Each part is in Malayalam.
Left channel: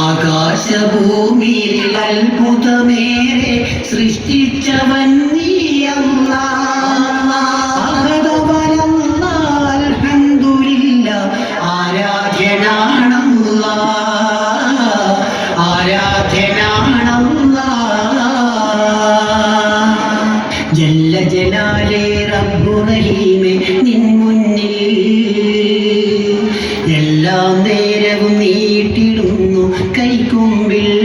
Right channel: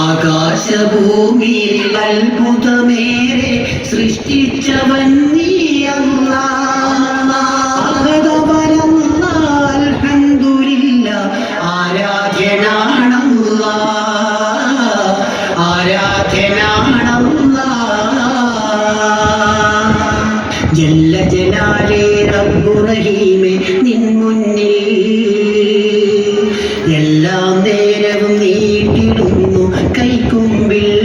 ആകാശഭൂമിയിൽ അത്ഭുതമേറെ സൃഷ്ടിച്ചവൻ നീയല്ലാ. അൽഹംദുലില്ലാ ആരാധ്യനാണല്ലാ, ആരാധ്യനാണല്ലാ. ജല്ല ജലാലേ റബ്ബു റഹീമേ നിൻ മുന്നിൽ എല്ലാം നേരവും നീട്ടിടുന്നു കൈക്കുമ്പിൽ.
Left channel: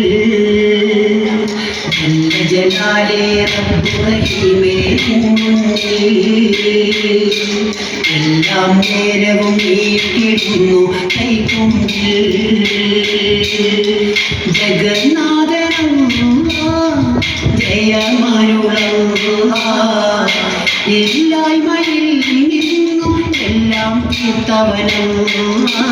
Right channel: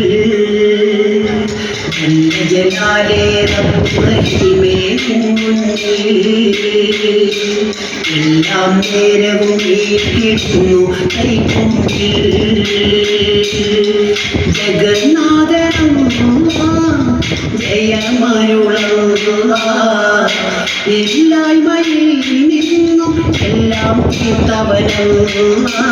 ജല്ല ജലാലേ റബ്ബു റഹീമേ നിൻ മുന്നിൽ എല്ലാം നേരവും നീട്ടിടുന്നു കൈക്കുമ്പിൽ. ജഗന്നാഥനല്ലാ ജയമരുളല്ലാ, ഇല്ലായ്മയിൽ നിന്നും എല്ലാം തീർത്തവനല്ലാ,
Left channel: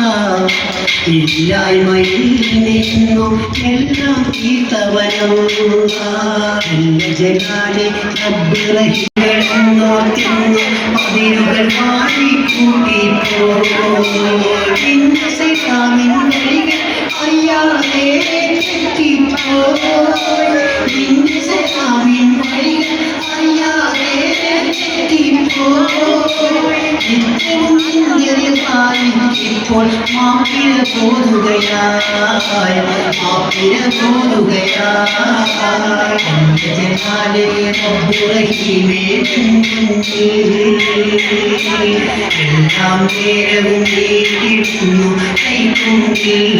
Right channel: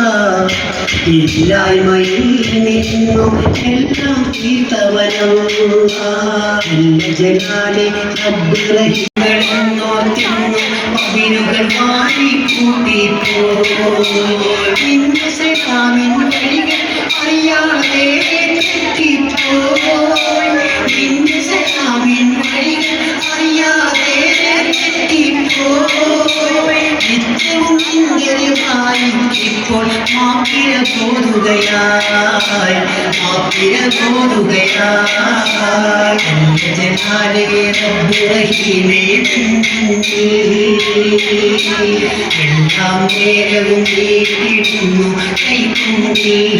ഇല്ലായ്മയിൽ നിന്നും എല്ലാം തീർത്തവനല്ലാ. ജലാലെ റബ്ബ് റഹീമെന്നോ തിന്നു പതിരുകൾ മാറിക്കൂട്ടിപ്പോയി. സലാമിൻ വഴികൾ അറിയാതെ തെറ്റിപ്പോയി. സലാമിൻ വഴികൾ അറിയാതെ തെറ്റിപ്പോയി. നിത്യവും നിന്ദരമായി ഇപ്പോൾ മാപ്പിര പോതുകയായി, മാപ്പിര പോതുകയായി. ജലാലെ റബ്ബു റഹീമേ എല്ലാം നേരവും നീട്ടിടുന്നു കൈക്കുമ്പിൽ.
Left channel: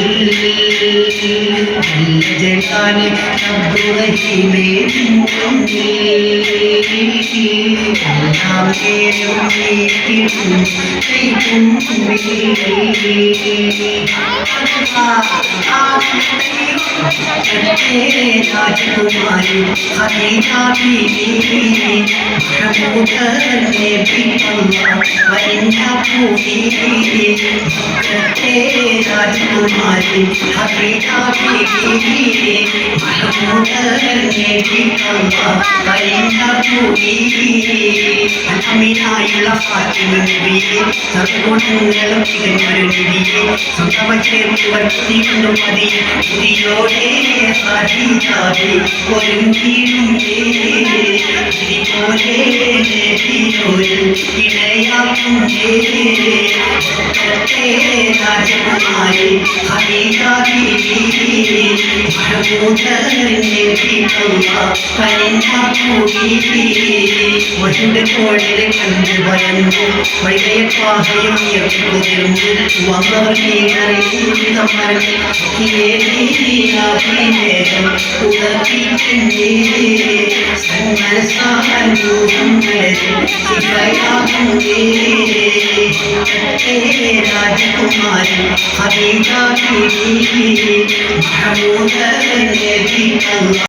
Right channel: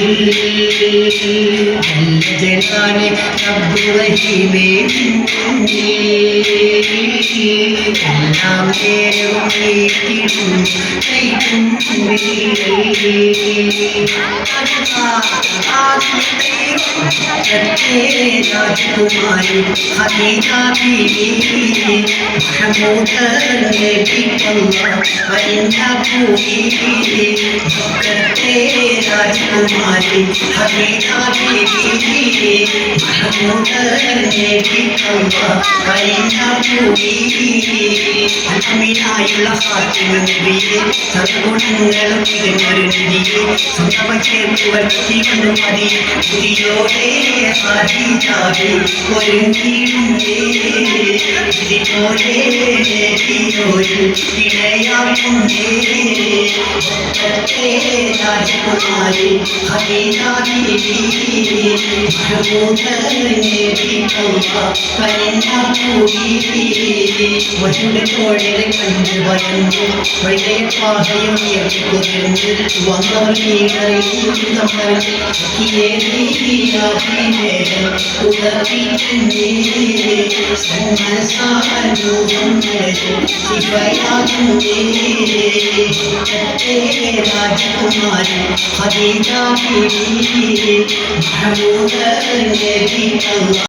ജലാലെ റബ്ബു റഹീമേ എല്ലാം നേരവും നീട്ടിടുന്നു കൈക്കുമ്പിൽ. രാജകുമാരി ഹബീബാ ബീവി महमूदर में भी अल्लाह वरिंदा पूरी राजकुमारी हबीबा बीवी महमूदर में भी अल्लाह वरिंदा पूरी. അമിനായുള്ള ഫാത്തിമ നബിയെ സദ്ഗുണങ്ങളും തികഞ്ഞൊരു നിധിയെ സംഭവം ചേർത്തുവർ കൊണ്ടും മതിയെ പുതിയോടെ ഹാദിജാബി ഒരുങ്ങിയിടുന്നേ. ഇതിപോലെ ഇണയാക്കുന്നേ രാജകുമാരി ഹബീബാ ബീവി महमूदर ने भी अल्लाह करिंदा पूरी. വരുടെ തോഴരെ കണ്ട് ഭയന്നു വൈകയ പാഹയും കുതിർന്നു വന്നവർ നീടറിയിരം മരങ്ങൾ ഉദർപ്പിക്കുന്നേ. രാജകുമാരി ഹബീബാ ബീവി महमूदर ने भी अल्लाह